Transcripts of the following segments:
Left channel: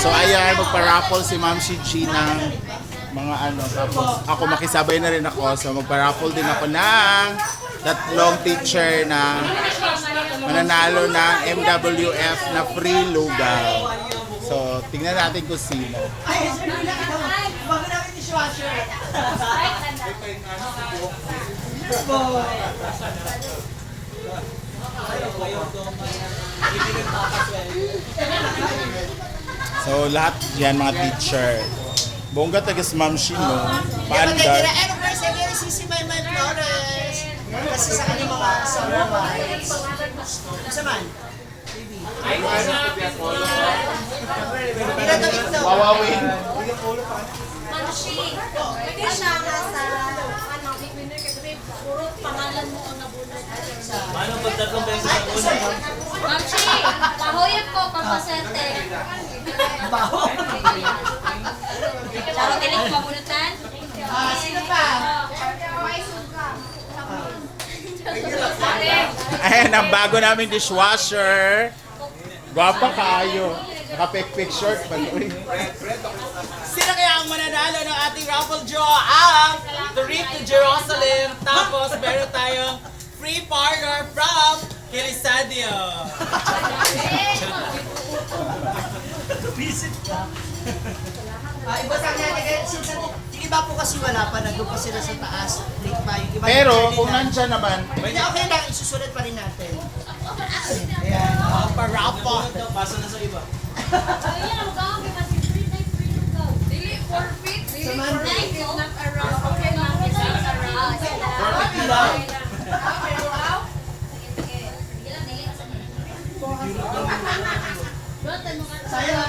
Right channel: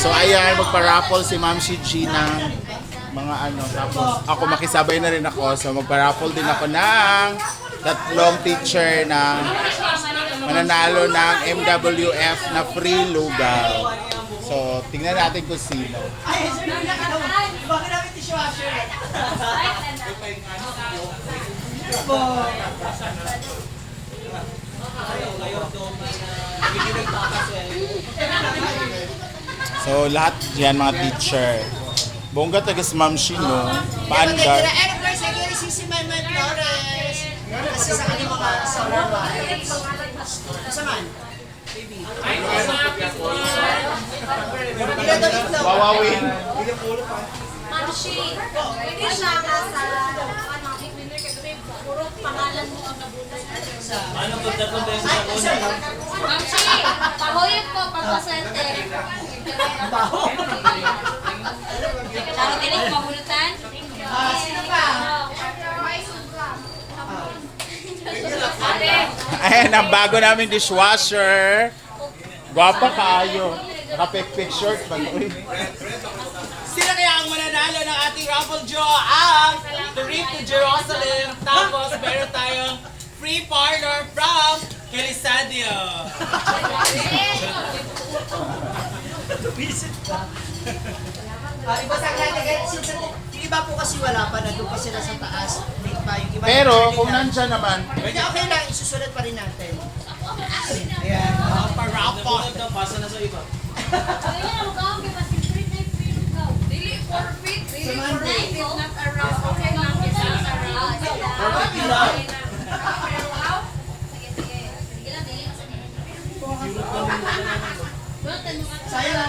So ayan, magpa-raffle si Ma'am si G ng mga ano. Tapos ako makisabay na rin ako. So magpa-raffle din ako ng tatlong teacher na mananalo ng MWF na free lugaw. So tingnan natin kung sino. Bago namin dishwasher. So lahat yan mga teacher. Bongga taga si Ma'am Shino. Paandar. Si Man Flores. Kasi sa ano ka? Sa Roma. Sa man? Wawawin. Manshi, pwede siya ka sa ano, big winner kasi puro pangalan mo ang nabunod. Paano pag tatlong beses na una? Manshi, pahoyap ko, papasente. Baho. Laro din yung mabunutan? Sino pa? May suga. Ayan, ang bago naming dishwasher. Gwapa kayo. Naka-pick short pa to eh. Sino kaya ang mananalo ng ating raffle draw? Ang trip to Jerusalem. Tapos meron tayong free partner from Kirisadio. Visit ka. Ibasang natin. Yung iba po kasi wala pa. Nandun pa sila sa taas. Pero kung nandyan naman, Hindi, okay lang. Isusulat pa rin natin. Ayan. Pa-raffle. Pasa na sa iba. Ayun, ang gawin ka kasi free lugaw. Dili forfeit, dili forfeit, not around. Okay lang, it's not around. Forfeit lang. Sige, sige. Sige lang, dili ka sa nila. Sayang.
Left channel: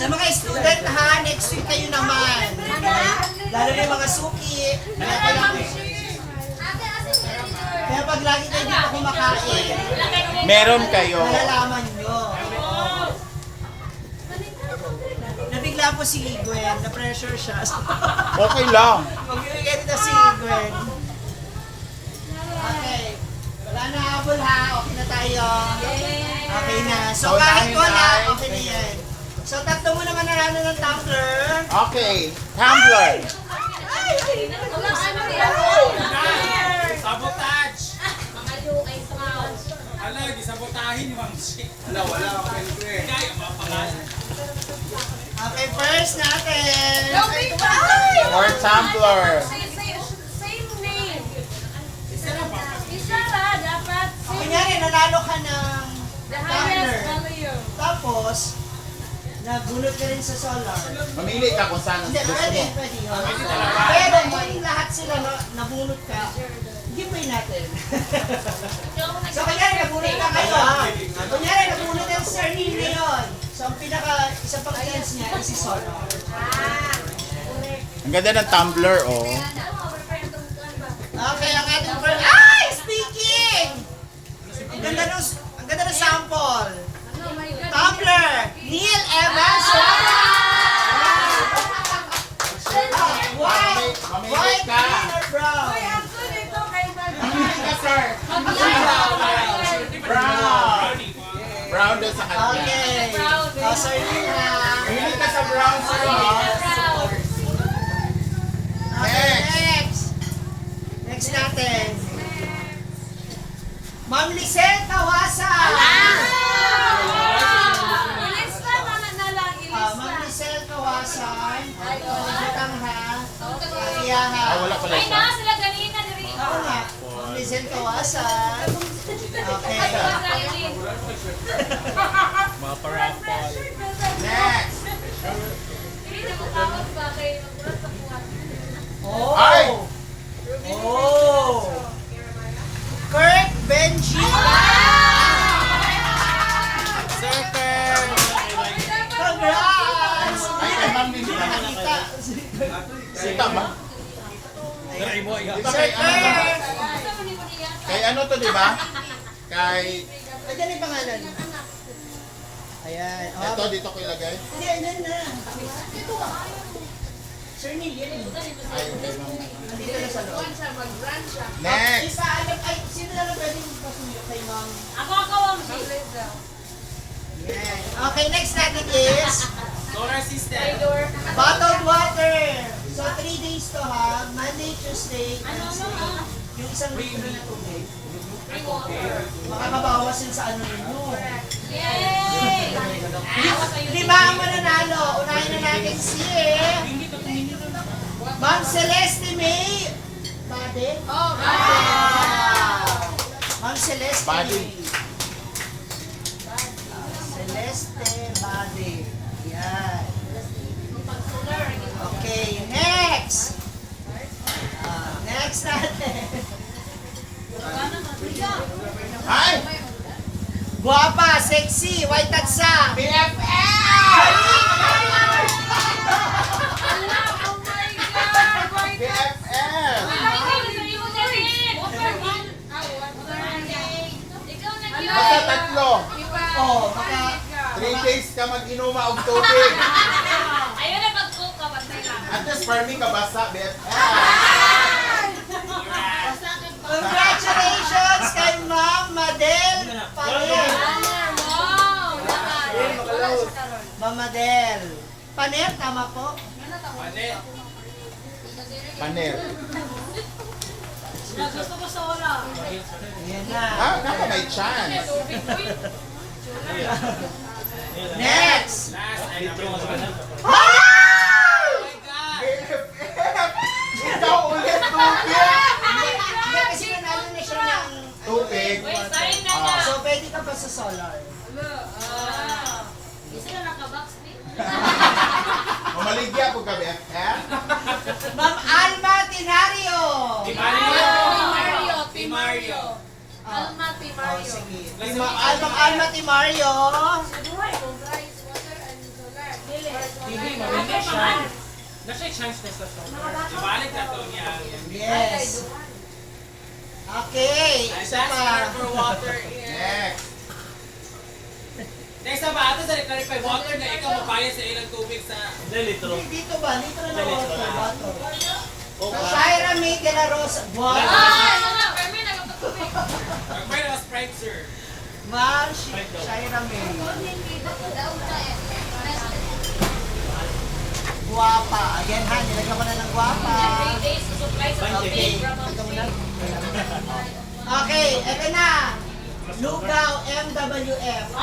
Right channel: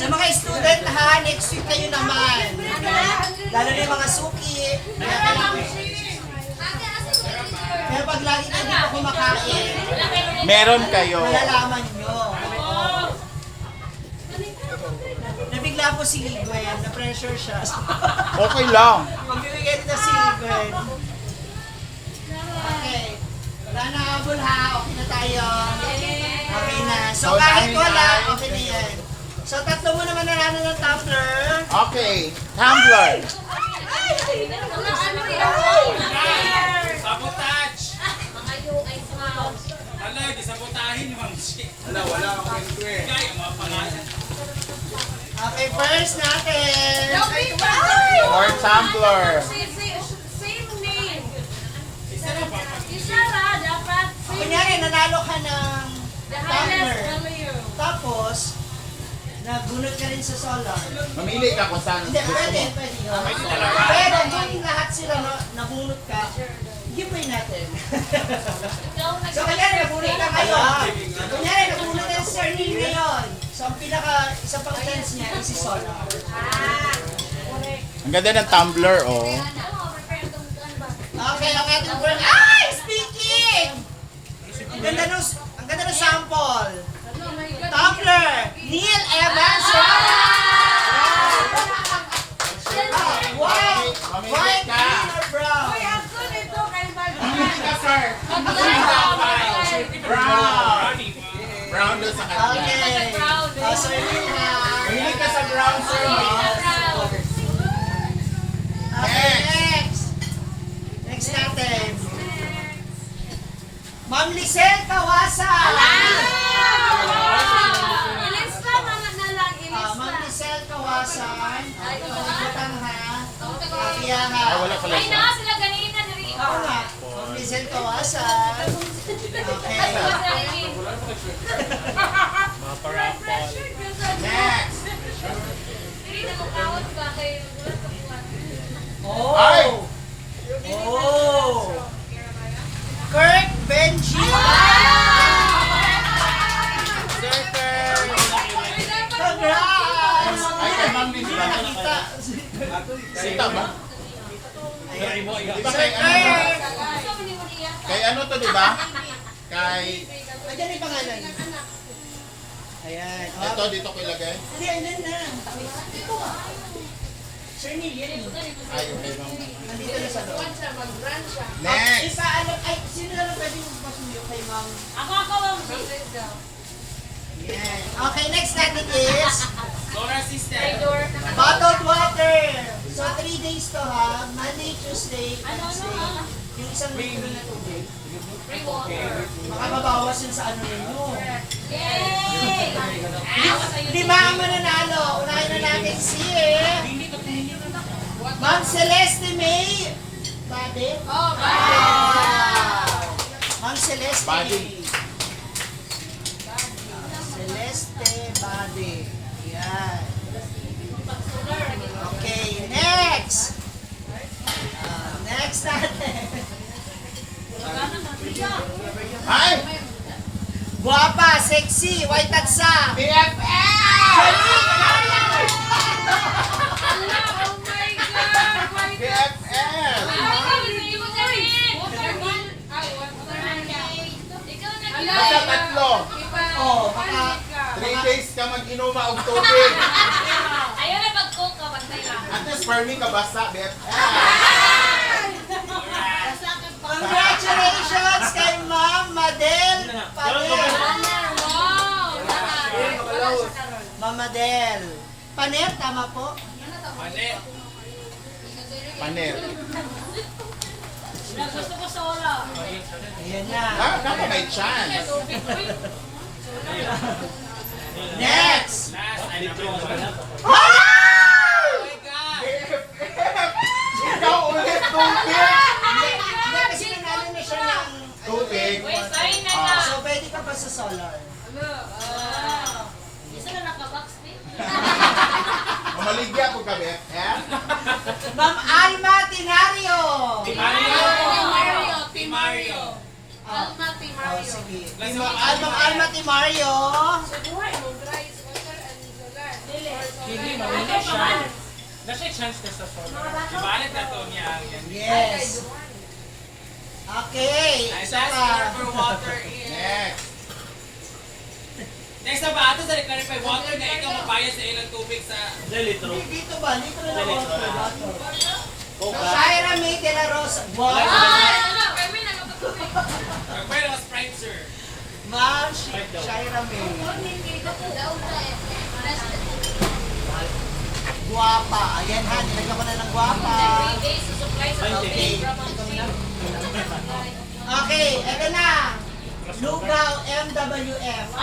Sa mga student ha, next week kayo naman. Lalo na yung mga suki. Kaya pag lagi kayo dito kumakain, meron kayo. malalaman nyo. Nabigla po si Gwen, na-pressure siya. Okay lang. Magbibigay dito si Gwen. Okay. Wala na habol ha, okay na tayo. Okay na. So kahit wala, okay na yan. So tatlo mo naman narano ng tumbler. Okay, tumbler. Sabotage! Ala, gisabotahin ni Ma'am Shi. Wala ako ganito eh. Kaya yung mga pangalan. Okay, first natin. Or tumbler. Same name. Isa ra, dapat. Kunyari, nanalo ka ng The tumbler. highest value. Tapos, nagbunot ka rin sa solar. Mamili ka kung saan Hindi, gusto pwede, mo. pwede. Pero kung lahat sila nabunot ka, giveaway natin. So, kunyari, nabunot ka ngayon. Kunyari, nabunot ka sa Surname ngayon. So, ang isa pang chance niya is si solar. Ang ganda ng tumbler, oh. Okay, ang ating brand. Ay! Speaking! Ang ganda ng sample. Tumbler! Neil Evans! White! White, green, or brown? Mamili ka, sir. Brown. Brown doon sa kanya. Okay. So, yun na. Mamili ka sa brown, sir. Okay, next. Next natin. Ma'am Lisel Kawasan. Ma'am Lisel Kawasan. Palimutan ha. Kaya ha. Ah, wala pala Ay siya. na, sila ganina diri. Ako nga. Ma'am Lisel Kawasan. Okay. Next. Dili ko kawat ba kay Ay! Oh! Oh! Kurt Benji! Congrats! Ay, kay ma'am din ba? Sita ba? Di ba Sir kay ano? Kurt! Kay ano to, di ba? Kay... Nandiyan yung pangalan. Ayan. Ito, dito ko ilagay. Hindi, ayan na. Ito ba? Sir Neil, yan eh. Ay, okay. Nandito na sa loob. Next. Ipaano, ay, sino na lang pwedeng pasundok kay ma'am? Ako, ma'am. Yan. Okay, next natin is Solar system. bottled water. So 3 days to ha. Monday, Tuesday, Wednesday. Yung isang litro na tubig. Baka mabawas yun sa ano ninyo. Yay! 5 ang mananalo. Unahin na natin si Ma'am Celeste May. Bade? Oh, Ma'am Celeste Bade. May. Celeste Bade. Yan. Okay, next. Next natin. Ay! Guwapa, sexy, white at sa. BFF! BFF! Basta tatlo. Oh, baka 3 days ka mag-inuma og tubig. Ayun na pag-cook ka, bantay lang. At least for me, kabasa, BFF. congratulations kay Ma'am Madel Panet. Wow! Ma'am Madel Panet, tama po? Panet. Panel. Gusto ko sa oras. Ayan na. Ah, kaya may chance. Next. BFF! Ikaw ulit tubig! Hindi, kasi nanalo na siya ng Tubig. Wait, sorry na lang. So, pwede ka pa sa solar. Isa na nakabox din. Mamaligya ko ka, BFF. Ma'am Alma Tinario. Team Mario. Alma, Team Oh, Mario. sige. Ma'am Alma Tinario. Buhay mo, guys. Water and solar. Dili. Hindi, mamili siya. Nasa chance na sa solar. Ibalik na to niya. Yes. Okay. Isa pa. Next. Next na ba ito sa clarify water na ikaw mapayas sa ilang tubig sa... Dito ba? Dito na water. Shaira May de la Rosa. Wow. Ay, wala. Kami na magpapapit. Pwede na Sprite, sir. Ma'am Shaira May. Guwapa. Ayan ha, nilagyan ko na ng guwapa. Okay. Okay, eto na. Lugaw MWF. So,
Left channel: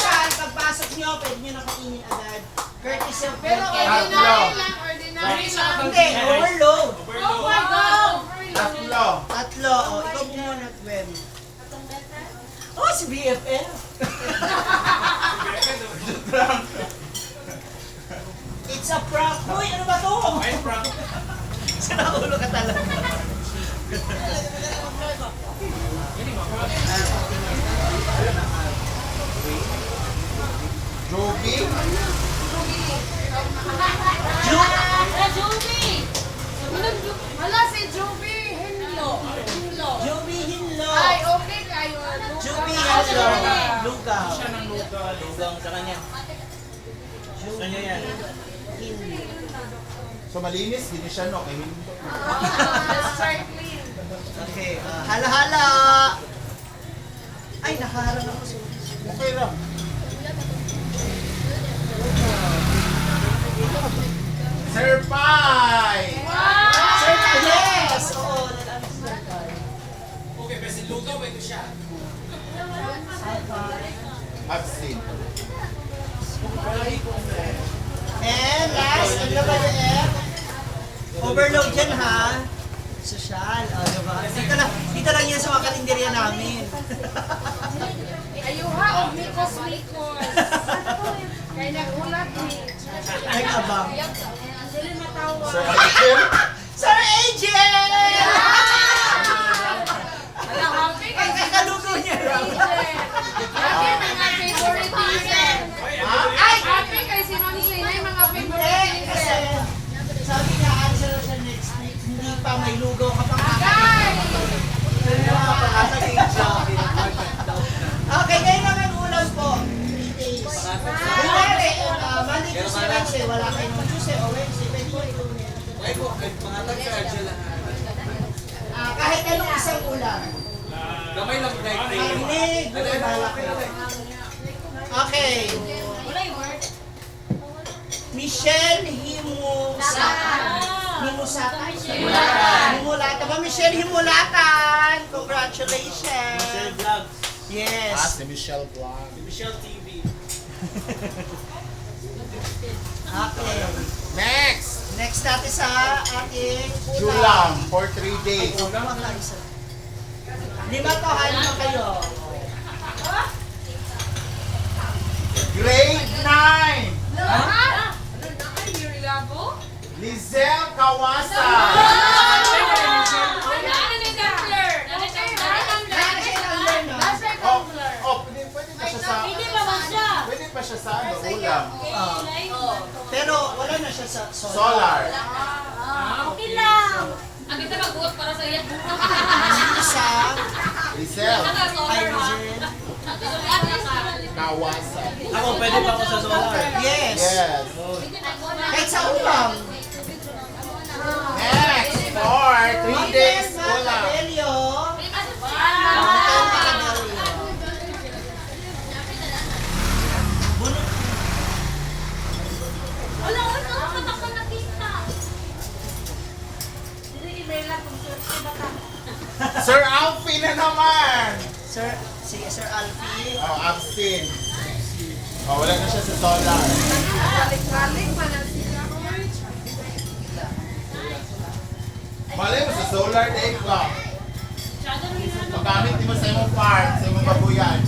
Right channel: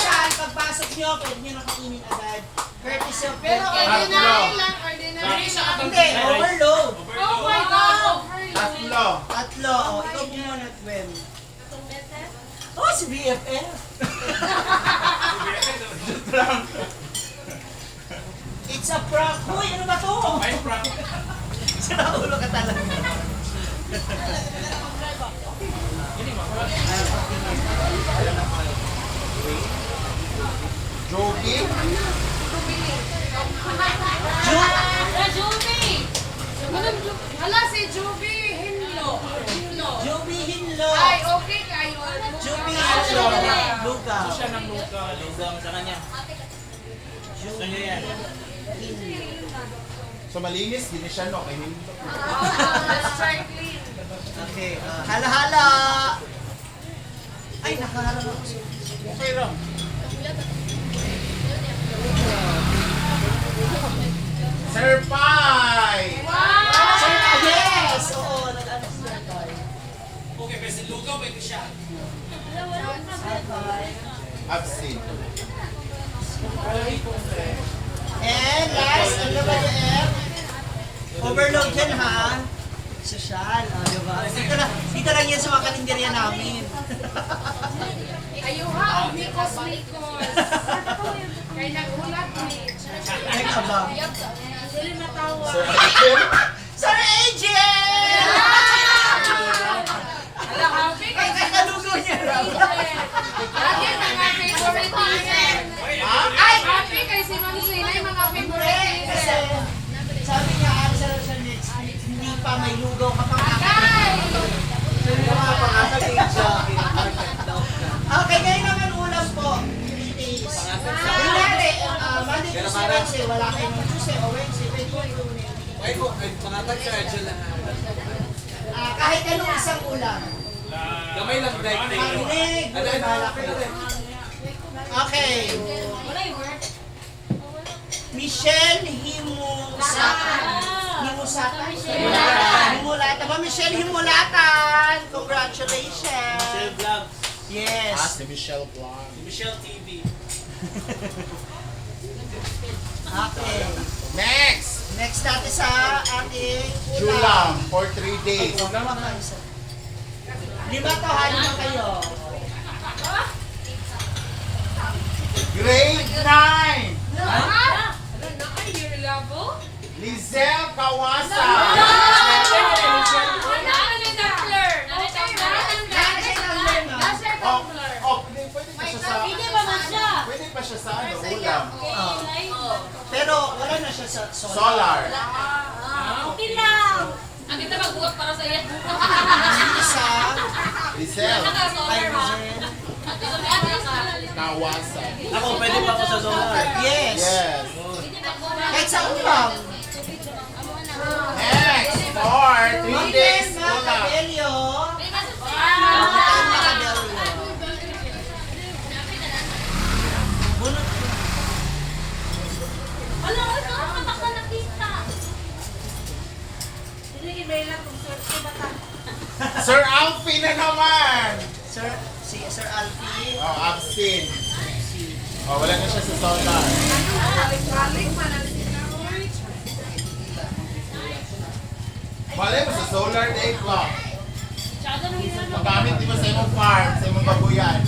saan pagpasok nyo, pwede nyo na kainin agad. Courtesy of Pero Pero ordinary lang, ordinary lang. hindi, overload. Oh my God! Tatlo. Tatlo. O, ikaw muna, Twem. Oh, si BFF. It's a prank. Hoy, ano ba to? Ay, prank. Sinaulo ka talaga. Jogi. Juby! Wala si Juby Hinlo. Joby Hinlo. Ay, okay kayo. Joby Hinlo. Lugaw. Siya ng lugaw sa kanya. Gusto niya yan. So malinis, hindi siya no. Kaya hindi. Start clean. Okay, hala-hala. Ay, nakaharap ako. Okay lang. Sir Pai! Sir, yes! Oo, nag-ano sila tayo. Okay, pero si lugaw ba ito siya? Abstain. And last, MWF. Overload yan ha. Sosyal, diba? Dito lang yan sa mga kalendarya namin. Ayuha o mikos. Kaya nagulat ni. Ay, abang. Dili matawa. Sir Abstain. Sir Agent! Ala, happy kay Kakalugo niya lang. Happy mga favorite teacher. Ay, happy kay si Ma'am Sinay mga Hindi, favorite kasi teacher. sabi niya, ano siya next week, hindi pa may lugaw ka pang Guys! Okay, ngayon naman ulam po. 3 days. Kunwari, Monday, Tuesday, Wednesday, wala kayo ng Tuesday o Wednesday, pwede po ito Ay po, pangatag sa Angela. kahit anong isang ulam. Gamay lang Makinig. Bahala kayo. Okay. Wala yung word. Michelle Himusata. Himusata? Himulata ba? Michelle Himulatan! Congratulations! Michelle Vlog. Yes. Si Michelle Blanc. Michelle TV. Okay. Next! Next natin sa ating Julang for 3 days. Lima to, halima kayo. Grade 9! Lizelle Kawasa! Pwede pa siya sa... Hindi pa man siya. Pwede pa siya sa ano, ulam. Pero wala na siya sa solar. Solar. Okay lang. Ang kita mag-uot para sa iyo. Isa, Lizelle Irene. Kawasa. Ako, pwede pa ako sa solar. Yes. Yes. Kahit sa ulam. Next! For 3 days Miguel ulam. Macabello. Miguel Macabello. Bunot. Ano? Katak na nakita. Hindi lang kung sorte bata. Sir Alfie na naman! Si Sir Alfie. Oh, absent. Oh, wala na siya sa solar. Balik-balik pa na sila. Malay mo sa solar day clock. Tsaka nang hindi na Magamit di ba sa imong farm, sa imong babuyan?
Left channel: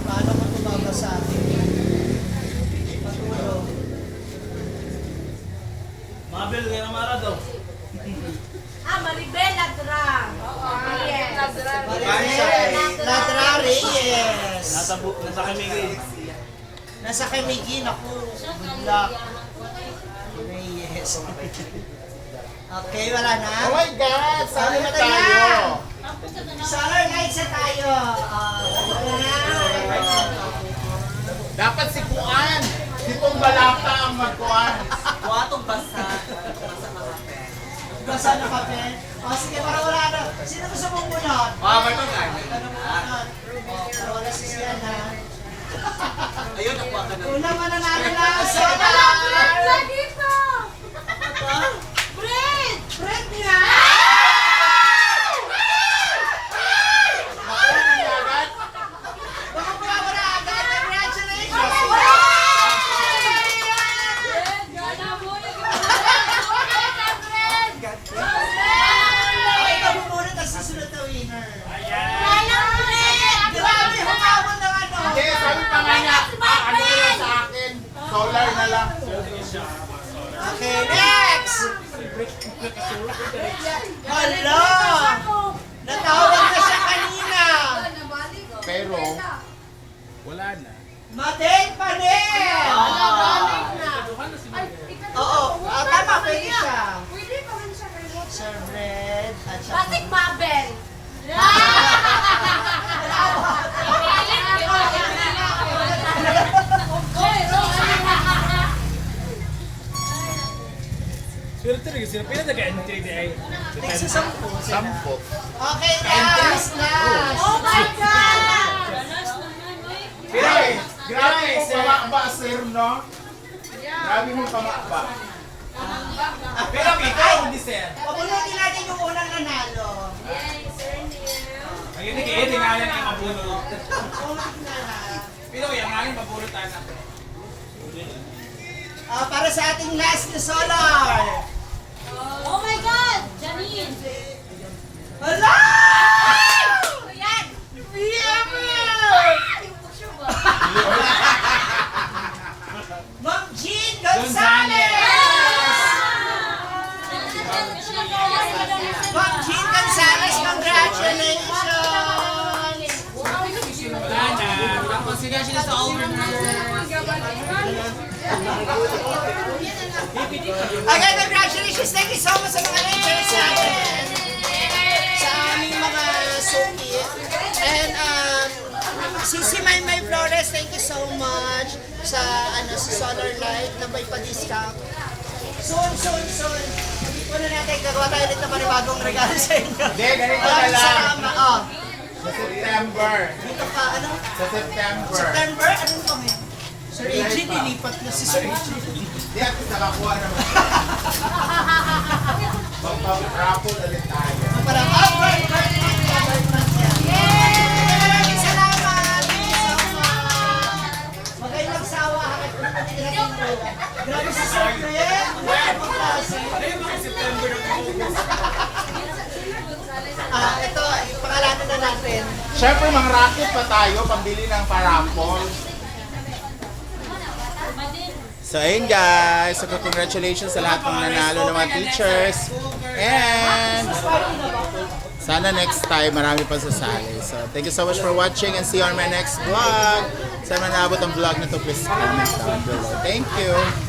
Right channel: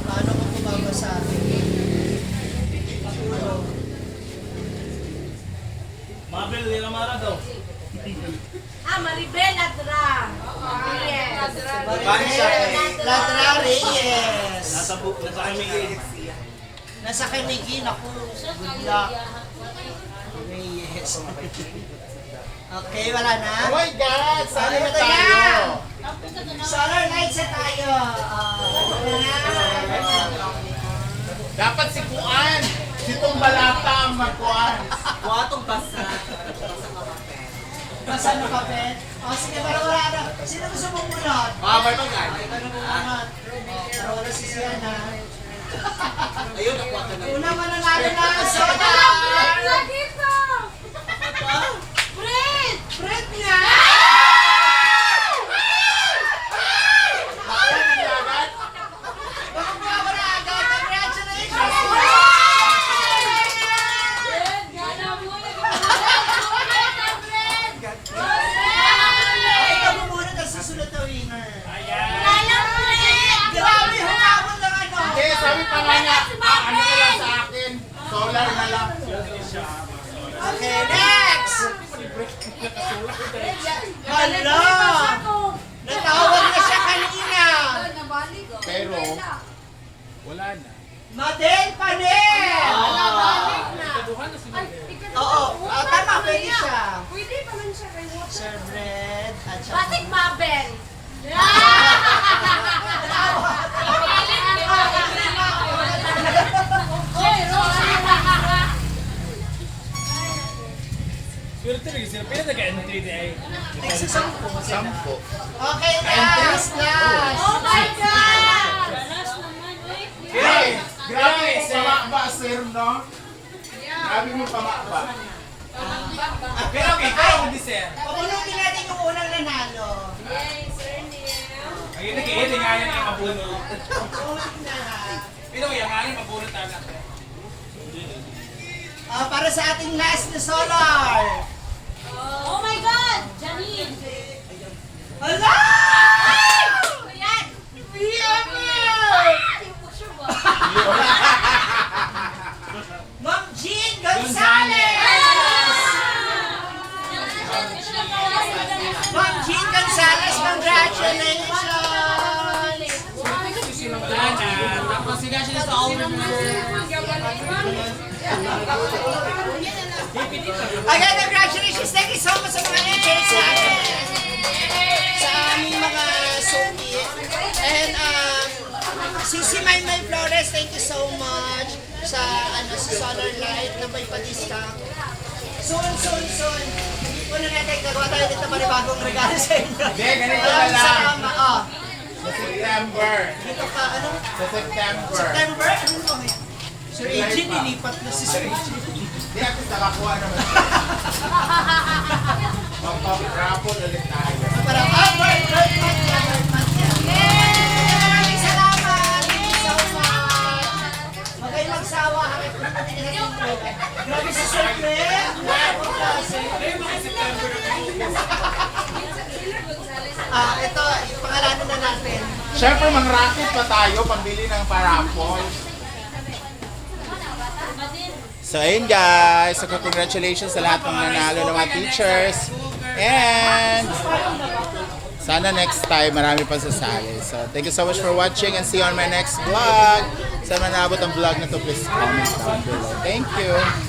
Paano ko ito babasahin? Patulog. Mabel, yung amara daw. Maribel Ladra. Yes. Ladra Reyes. Nasa kami. Nasa kay Migin ako. Good luck. Reyes. Okay, wala na? Oh my God! Saan na Ito na. tayo? Solar lights na tayo. Dapat si Kuan! Sitong balata ang magkuan. Kuwatong basa. Basa na kape. O sige, para wala na. Sino gusto mong munod? May pagkain. Para wala si Sienna. Ayun, nakuha ka na. Unang mananalo na ang solar. Lagi pa. Fred! Fred niya! Baka mawawala agad. Congratulations! Ay, kabumunod ang susunod na winner. Grabe, humabol ng ano. Hindi, sabi pa nga niya, ano na lang sa akin? Solar na lang. Okay, next! Hello! Natawag na siya kanina. Pero, wala na. Madel Panel! Oo, tama, pwede siya. Pwede pa man siya kay Water. Sir Fred at saka... Batik Mabel. Pero talaga sila, pwede nag-end 3D ay. Sa 10. Sampo. Okay, last! Oh my God! Lalas naman, wait. Hey! Grabe mo pamakba, sir, no? Grabe mo pamakba. Pero ikaw, hindi sir. Pabunutin natin yung unang nanalo. Yay, Sir Neil. Ayun, nag-i-edit nga yan ang mabunod. Ulit na lang. Pero yung nga yung mabunod tayo na to. Para sa ating last na solar. Oh my God! Janine! Hala! Yan! Picture ba? Ma'am Jean Gonzalez! Ma'am Jean Gonzalez, congratulations! Okay, congratulations! Thank you so much sa mga teachers natin! Sa aming mga suki. And si Maymay Flores, thank you so much sa Solar Light na may pa-discount. Soon. muna natin, gagawa tayo dito para bagong regalo sa inyo. Hindi, ganito na Maraming lang. salamat. Oh, Sa September. dito ka, ano? Sa September. September, ano kami? Sir AJ, nilipat na si Sir AJ. Hindi, at least nakakuha naman. Mag-raffle ulit tayo. Parang, bird month niya, bird month niya. Yay! Salamat! Thank you so much! Huwag kayong magsawa, hakit na natin natin pala. Grabe si Sir Fred! Grabe kasi. Ito, pangalanan na natin. Siyempre, mang racket pa tayo, pambili ng paraffle. So, ayun guys. So, congratulations sa lahat ng nanalo ng mga teachers. And sana next time marami pa sasali. So, thank you so much for watching and see you on my next vlog. Sa mga naabot ang vlog na to, please comment down below. Thank you.